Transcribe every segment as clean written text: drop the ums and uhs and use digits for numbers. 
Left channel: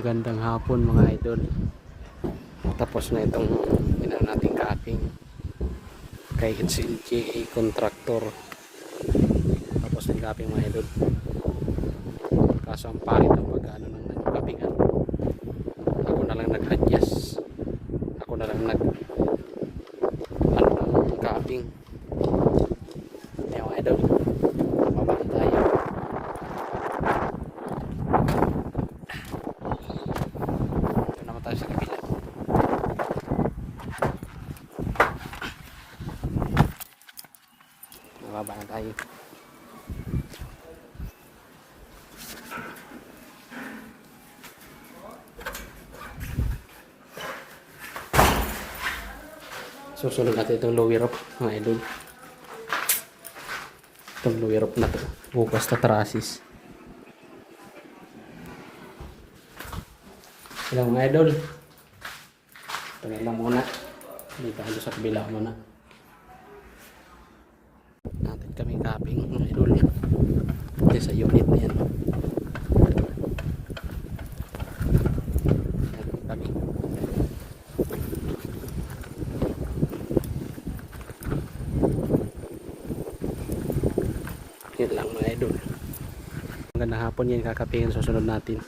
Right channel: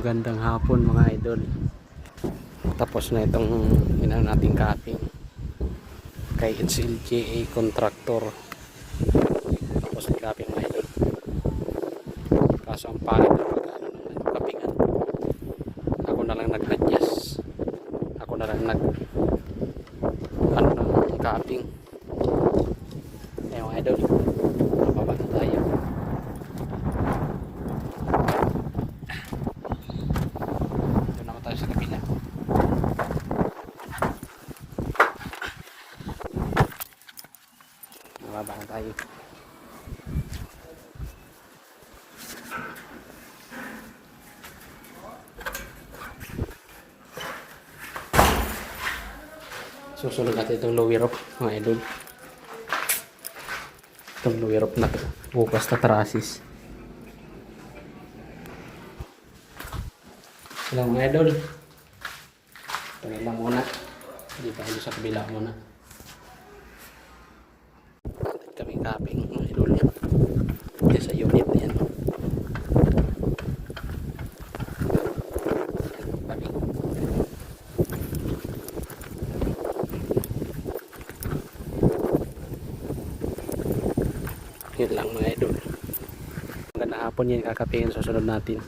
Magandang hapon mga idol. Tapos na itong nating cutting kay HLJA Contractor. Tapos na yung cutting mga idol. Kaso ang pangit na pagkano ng kapingan. Ako na lang nag-adjust. Ako na lang ng cutting. Ayan mga idol. Napabasa tayo. Sa kabila. Mababahan tayo. Susunod natin itong lower rope mga idol. Itong lower rope na ito. Bukas na trusses. Sila mga idol. Ito na lang muna. Hindi pa sa kabila muna. Natin kami capping mga idol. Ito sa unit na yan. Yun lang mga idol. Magandang hapon yan kakapingin susunod natin.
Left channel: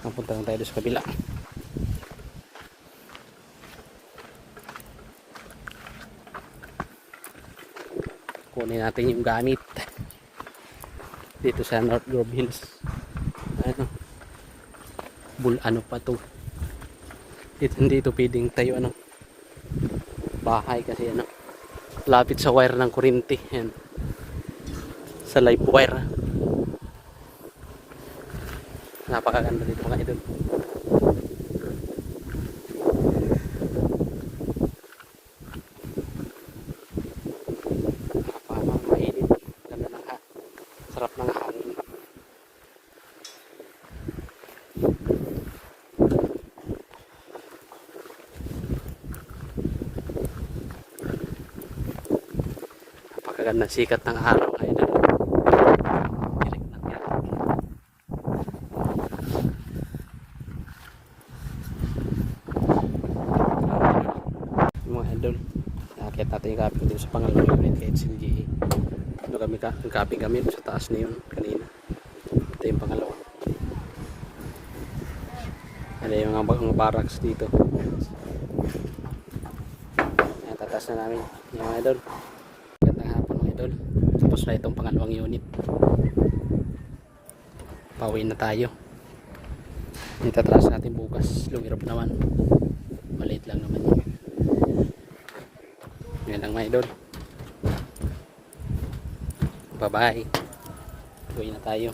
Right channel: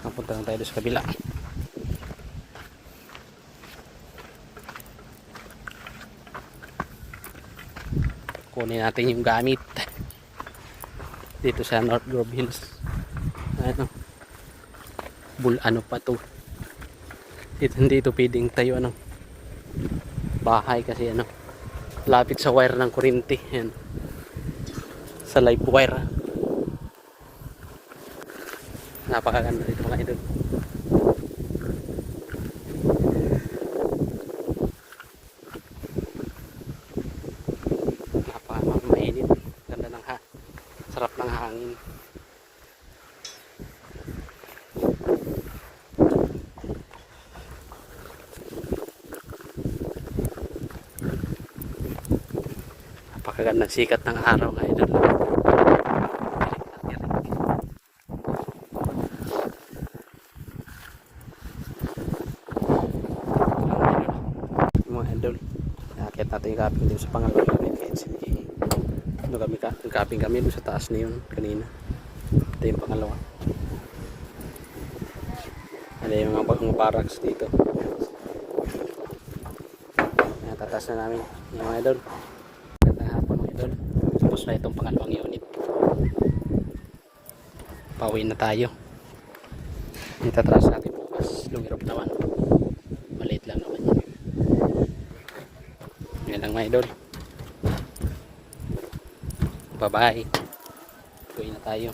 Napunta lang tayo sa kabila. Kunin natin yung gamit dito sa North Grove Hills. Ano ano pa to dito, hindi ito pwedeng tayo bahay kasi lapit sa wire ng kuryente. Yan, sa live wire. Napakaganda dito mga idol. Mainit. Ganda ng sarap ng hangin. Napakaganda sikat ng araw mga idol. Mga idol, nakakit natin yung capping dito sa pangalan natin. Capping kami sa taas na yun kanina. Ito yung pangalawa. Ano yung mga barracks dito. Tatas na namin yung mga idol. Gandang hapon mga idol. Tapos na itong pangalawang unit. Pauwi na tayo. Itatras natin bukas. Lumirap naman. Maliit lang naman yan. Yan lang mga idol. Bye bye. Uwi na tayo.